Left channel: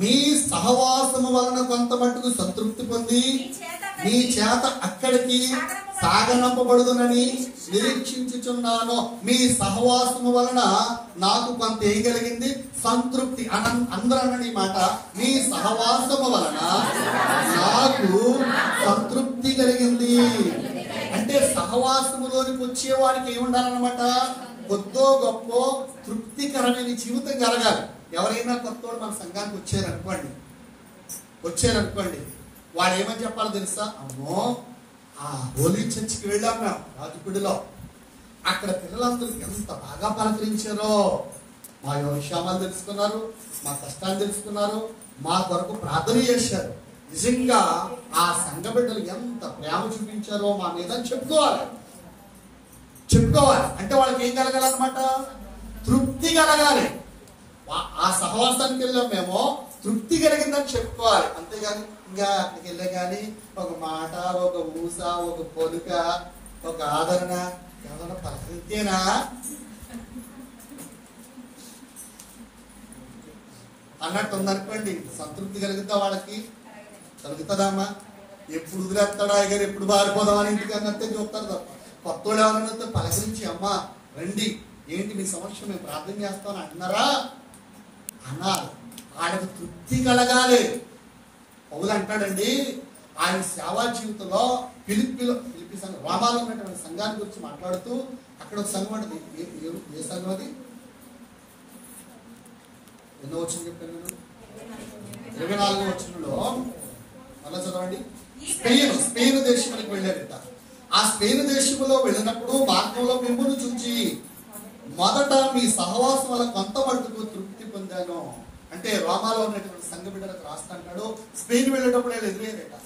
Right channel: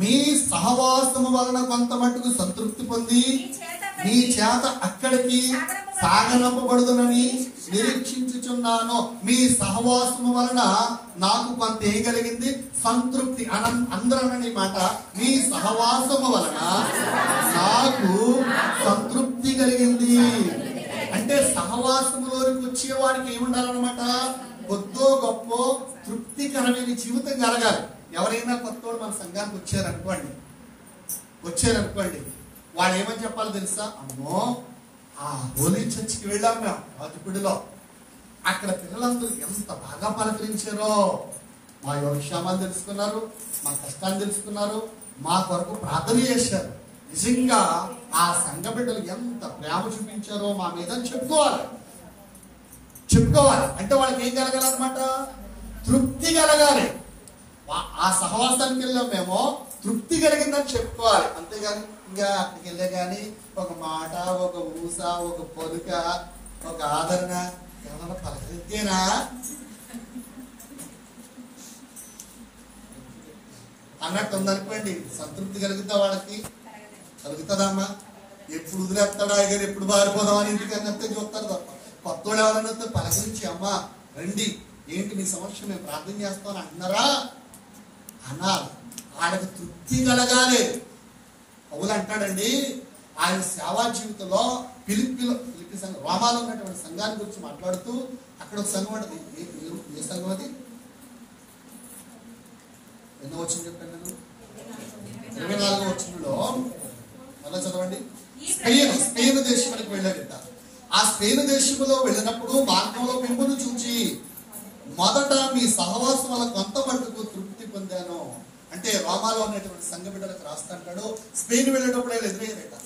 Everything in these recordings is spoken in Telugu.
మీ సహవాసము వలన కొంత మట్టుకు సంతృప్తి పొంది మీ చేత అక్కడికి సాగనంపబడుదునని నిరీక్షించుచున్నాను. మీ సహవాసము వలన నాకు కొంత ఏం కలిగింది? సంతృప్తి. అందరని మాట, మీ సహవాసము వలన నాకు సంతృప్తి కలిగింది. అంటే సహవాసములోనికి వచ్చేవాడికి ఏముండాలన్నమాట? కొద్దో గొప్ప తృప్తికరమైన జీవితం కలగాలి. ఎవరైనా కొత్తోడు మన సంఘానికి వచ్చారనుకోండి, వాడు ఏమని చెప్పాలో తెలుసా? అమ్మో, ఆ హోలీ చర్చికి వెళ్ళాం మేము రాజుపూడిలో, అక్కడ పిల్లలందరూ ఎంత బాగా పలకరించారో, మా యోగక్షేమాలు తెలుసుకున్నారు, మా కష్టాలు తెలుసుకున్నారు, మా కొరకు ప్రార్థన చేశారు. నిజంగా ఆ సంఘ బిడ్డలు ఎంత ప్రేమ చూపించారో మా మీద చెప్పుకోవాలి. అంటే వాళ్ళకి ఏం కలగాలన్నమాట? తృప్తి కలగాలి. ఆ సహవాసానికి వెళ్ళాం మేము, తృప్తి కలిగిందని చెప్పుకోవాలి. అంతేగాని ఇంకా అక్కడికి వెళ్ళే కానీ ఒక మాట, ఒక ఊస, ఒక పొదుక, ఒక ఆదరణ ఏమన్నా పలకరించేనా అన్నట్టు ఉందనుకోండి, సంతృప్తి కలుగుతా వాళ్ళకి? కలుగుతుందమ్మా? ఎప్పుడు వదిలేస్తాడా గారు, ఎప్పుడు బారిపోదామని ఇంటికన్నట్టే చూస్తారు తప్ప కొత్తోడు ఎవరన్నా పలకరించి అమ్మా రండి, ఏంటి మీ సమస్య, మేము ప్రార్థన చేస్తామని అంటున్నారా అనాలి. ఆయనకు తృప్తి కలగాలి. పౌలు అంటాడండి, ఆయన సేవా జీవితంలో ఫిలిప్పీ సంఘం, రోమాలో ఉన్నటువంటి సంఘాన్ని గురించి మాట్లాడుతూ అక్కడ ఒక సంఘం ఉంటుంది. ఏ సంఘం అది? ఎన్నో వచ్చింది చెప్పాను నేను? 24వ వచనంలో అలా చదవండి. స్పెయిన్ దేశానికి వెళ్ళాడట. ఆ స్పెయిన్ దేశంలో వెళ్ళినప్పుడు మార్గంలో మిమ్మల్ని చూచి మొదట మీ సహవాసం వల్ల కొంత మట్టుకు తృప్తి పొందాను. అంటే రోమాలో ఉన్నటువంటి సంఘ బిడ్డలకు రాస్తా అంటాడు. స్పెయిన్ వెళ్ళేటప్పుడు ఆయన ఎదురయ్యారట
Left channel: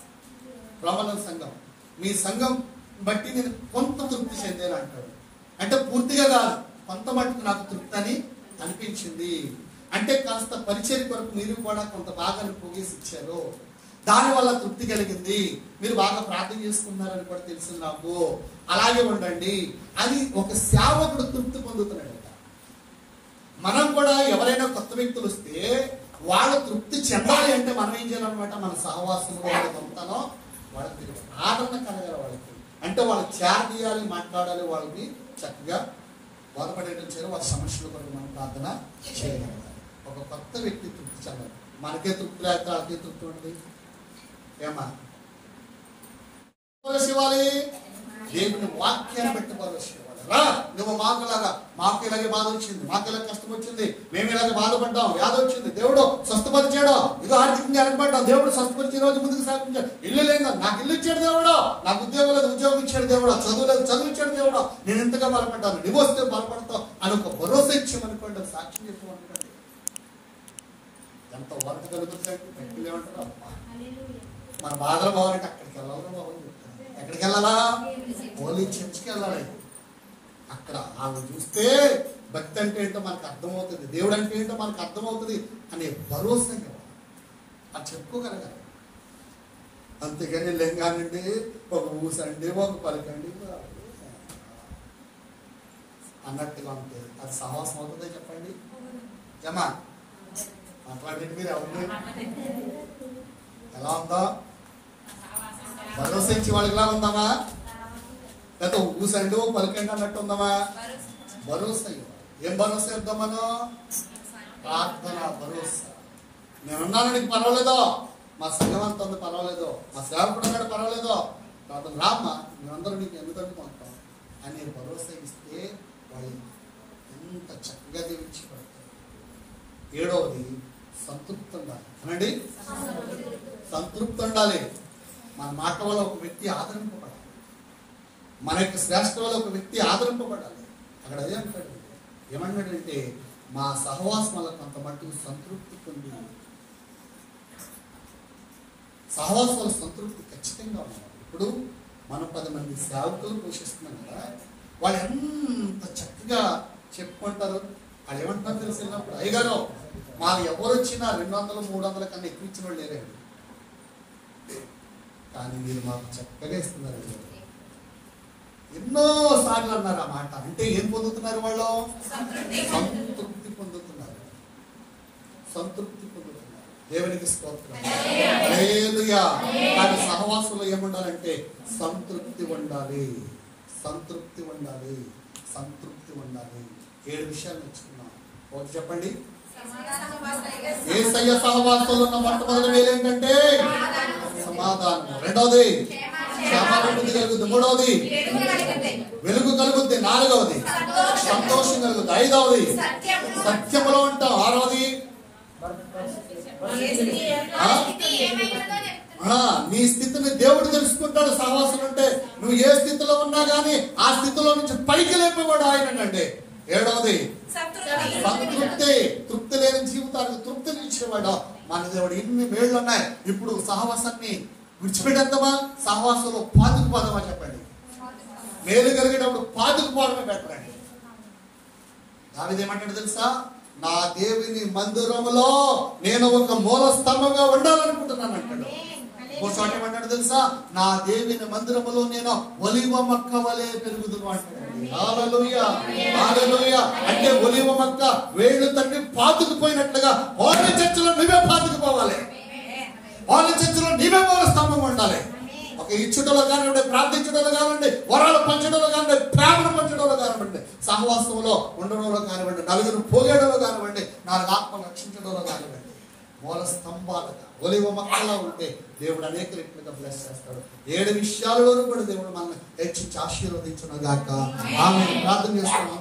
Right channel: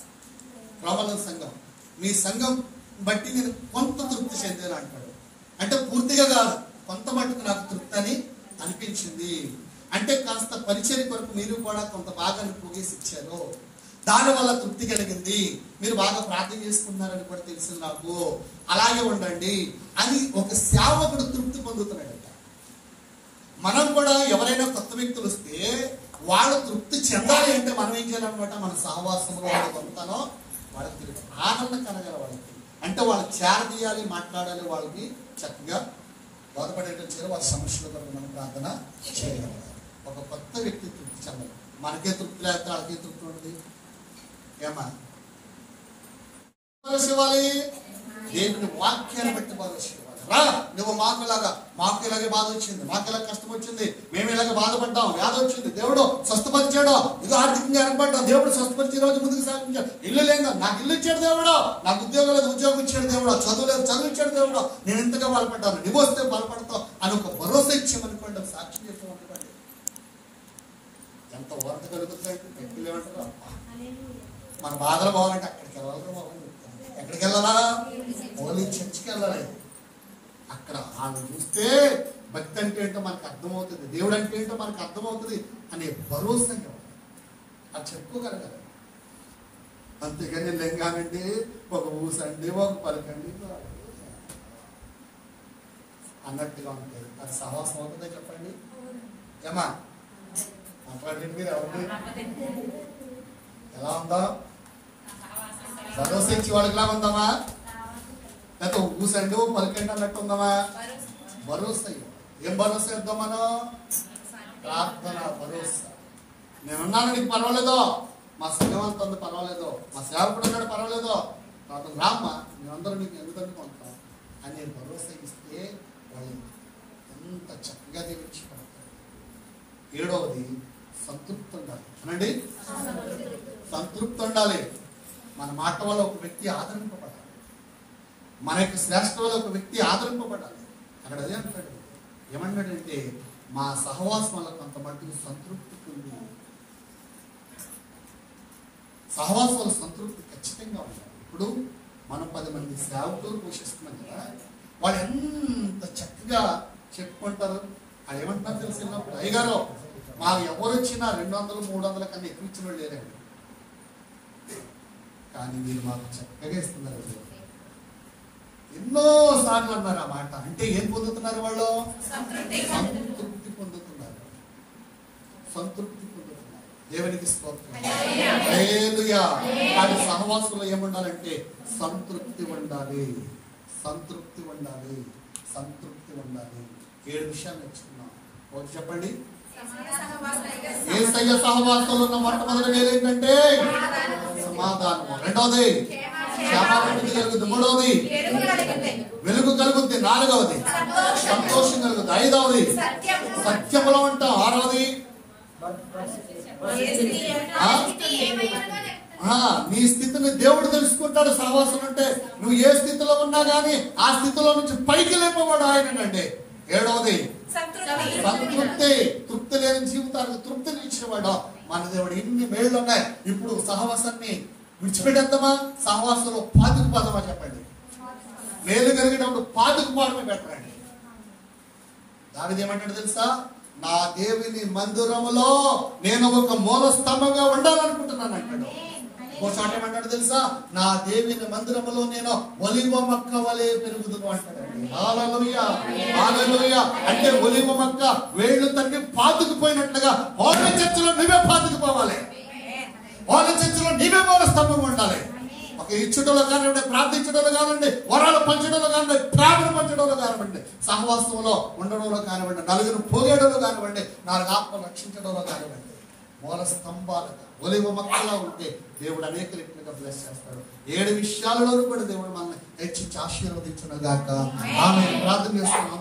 రోమాలో సంఘం, మీ సంఘం బట్టి నేను కొంత తృప్తి చెందాను అంటాడు. అంటే పూర్తిగా కాదు, కొంత మట్టుకు నాకు తృప్తి అని అనిపించింది. అంటే కాస్త పరిచర్య కొరకు మీరు కూడా కొంత భాగాన్ని పోగేసి ఇచ్చారు, దానివల్ల తృప్తి కలిగింది, మీరు బాగా ప్రార్థన చేసుకున్నారని కూడా తెలిసింది నాకు, అలాగే ఉండండి అని ఒక సేవకుడు తృప్తి పొందుతున్నాడంట. మనం కూడా ఎవరైనా కొత్త వ్యక్తులు వస్తే వాళ్ళ తృప్తి చెందాలి అంటే మనం ఏం చేయాలన్నమాట? మన సహవాసంలో వాళ్ళకి పంపుతానో వాళ్ళకి ఆదరణ కలగాలి. వాళ్ళకి అంటే వాళ్ళు చేరదీయాలి, మాట్లాడాలి, వాళ్ళకి చక్కగా బోధపడేటట్టు చేయాలి, వాళ్ళ సమస్యల కొరకు మనం ప్రార్థన చేయగలగాలి. ఒక కొత్త వ్యక్తి తృప్తి చెందాలి. మనకే తృప్తి లేక వాళ్ళకే తృప్తి ఉంటుంది ఏమా? ఇవ్వాలి, దేవుని వాక్యాన్ని బట్టి భరోసా ఇవ్వాలి. రా నువ్వు మాకులాగా, మాకు ఇలాగే బాధ వచ్చింది, మాకు ఇలాగ కష్టం వచ్చింది, మేము ఇలాగే బాధపడ్డాం, వ్యాధి వచ్చింది, దేవుడు స్వస్థపరిచాడు, ఇది ఆర్థికంగా వెనకబడ్డాం, దేవుడు స్వస్థపరిచి రోజు ముందుకు సాగించాడు. ఇల్లు లేదు, నాకు ఇల్లు ఇచ్చాడు దేవుడు, నాకు ఉద్యోగం లేదు, ఉద్యోగం ఇచ్చాడు దేవుడు, చదువు లేదు, చదువు ఇచ్చాడు దేవుడు, నేను ఎంతగా బలపడ్డాను, నువ్వు వస్తే బలపడతావు అని ఒక భరోసా ఇచ్చామనుకోండి, సాక్ష్యం చెప్పామనుకోండి, ఎంత వార్త కలుగుతాయి. వ్యక్తులు ఏమంటారు, మన బాధలు బాగాలంటే అక్కడికి వెళ్ళాలి. బాగుంది, ఎక్కడికి వెళ్ళాలా? హోలీ చర్చికి వెళ్ళాలి. అక్కడ వాళ్ళు చూస్తే భక్తి అంటే ఏంటో మనకు అర్థమవుతుంది, దేవుడు అంటే ఏంటో మనకు అర్థమవుతుంది అనే భరోసా అది చెప్పుకోగలగాలి. అంతేగాని లెంగానండి, ఒక ఊసండి, ఒక పలకండి అన్నట్టుగా ఉంటే అది సహవాసం అవుతుందే చెప్పండి? జమా మాట్లాడండి మీరు ఎవరిని? ఎలా ఉందా? భరోసా ఇచ్చి వాళ్ళకి ఎలా ఉందామా? లేకపోతే ఊసండి, ఓ పలకండి అన్నట్టు ఉందామా? భరోసా. ఏం భరోసా ఇద్దాం మనం? ప్రార్థన భరోసా. నేనున్నాను, నీకు పర్వాలేదో, మా సంఘం అంత ఉంది పర్వాలేదో, మా సేవకుడు ఉన్నాడు పర్వాలేదో, ప్రార్థన రామ్మా, మేమందరం మీకు ఎందుకు అనుకుంటాం అనే భరోసా ఇస్తే వాళ్ళు ఎంత చక్కగా దీవించి పడతారు. 7వది సంతృప్తి ఉండాలి. అనండి, సంతృప్తి ఉండాలి. మన మాట వల్ల ఒక వ్యక్తి ఆదరింపబడాలి, మన యొక్క శ్రేష్ఠ వల్ల ఒక వ్యక్తి ఆదరింపబడాలి. అక్కడ అదే అంటాడు, ఏమన్నాడంటే మా సహవాసం వల్ల కొంత మట్టుకు సంతృప్తి పొంది. సహవాసం వల్ల సంతృప్తి ఖచ్చితంగా ఉండాలి. ఇప్పుడు మనం 10 మంది సేవకులు పోషిస్తున్నాం కదా, వాళ్ళు ఎంత చక్కగా చెప్పుకుంటారు. వాళ్ళు ఏమంటున్నారు తెలిసినప్పుడు, అయ్యగారు మాకు ఎవరు వచ్చినా 200, 300 కన్నా ఎక్కువ ఇచ్చిన వాళ్ళు లేరండి, కానీ మీరు మాకు చక్కగా ఇస్తున్నారు. ఎన్నో సార్లు అన్నారు ఆ మాట. అంటే ఏం పొందుతున్నారు వాళ్ళు? సంతృప్తి పొందుతున్నారు. సంతృప్తి పొందుతున్నారు. దేవునికి స్తోత్రం. హల్లెలూయా. కానీ సహవాసంలో ఏముండాలంటే సంతృప్తి ఉండాలి. సంతృప్తి ఉండాలి. సంతృప్తి ఉండాలి. 7 విషయాలు నేర్చుకున్నాం. ఒకటి చెప్పండి. యేసయ్య సహవాసంలో ఉన్న మొట్టమొదటి మేలు ఏంటంటే సమాధానము. రెండవది క్షమాభివృద్ధి కలుగుద్ది. మూడవది వెలుగు కలుగుద్ది. నాలుగవది సంతోషం కలుగుద్ది. ఐదవది సత్యములో ఉంటాం. ఆరవది నీ స్థితిని దేవుడు తెలుసుకుంటాడు. సహవాసం అంటే నువ్వు ఏ స్థితిలో ఉన్నా గానీ ఆ స్థితిలో నుంచి పైకి లేపవాడు ఆయనండి. ఏడవది సంతృప్తి. తృప్తి లేని జీవితానికి తృప్తిని ఇచ్చినవాడు మన దేవుడు. ఇన్ని మేళ్లు ఉన్నాయి. ఇప్పుడు సహవాసాన్ని విడిచిపెట్టేద్దామా? సహవాసంలో పాతుకుపోదామా? చెప్పండి. మేలు కలిగేటప్పుడు పాతుకుపోవడమే బెటర్ అండి. దానిది ఏమంటాడు తెలుసా? నా దేవుని మందిరములో నేను ఒక మూల స్తంభంగా ఉండాలనుకుంటున్నాను అంటాడు. చోట ఏమంటాడు తెలుసా? నా దేవుని మందిరములో నేను ఒలివ మొక్క వలె పెరుగుదును అంటాడండి. హల్లెలూయా, హల్లెలూయా. అంటే ఒలివ మొక్క వేళ్ళు తన్ని పాతుకుపోయినట్లుగా హోల చర్చలో నువ్వే పాతుకుపోవాలి. హోల చర్చలో నీవే మూల స్తంభం ఉండాలి. ఒక ఇచ్చుటలో కానివ్వండి, ప్రార్థించడంలో కానివ్వండి, వరాలు పంచడంలో కానివ్వండి, ప్రేమను పంచడంలో కానివ్వండి, సహవాసంలో ఉండడంలో కానివ్వండి, నలుగురు పోగేయడంలో కానివ్వండి, 4 ఆత్మలు రక్షించడంలో కానివ్వండి, మూల స్తంభాలుగా ఒలివ మొక్కలా ఉంటే దేవుడు అనేక రీతిగా బ్లెస్ చేస్తాడు. 7 విషయాలలో కూడా దేవుడు మనల్ని హెచ్చించి ఆశీర్వదించును గాక. ఆమె ప్రార్థన చేస్తున్నాం.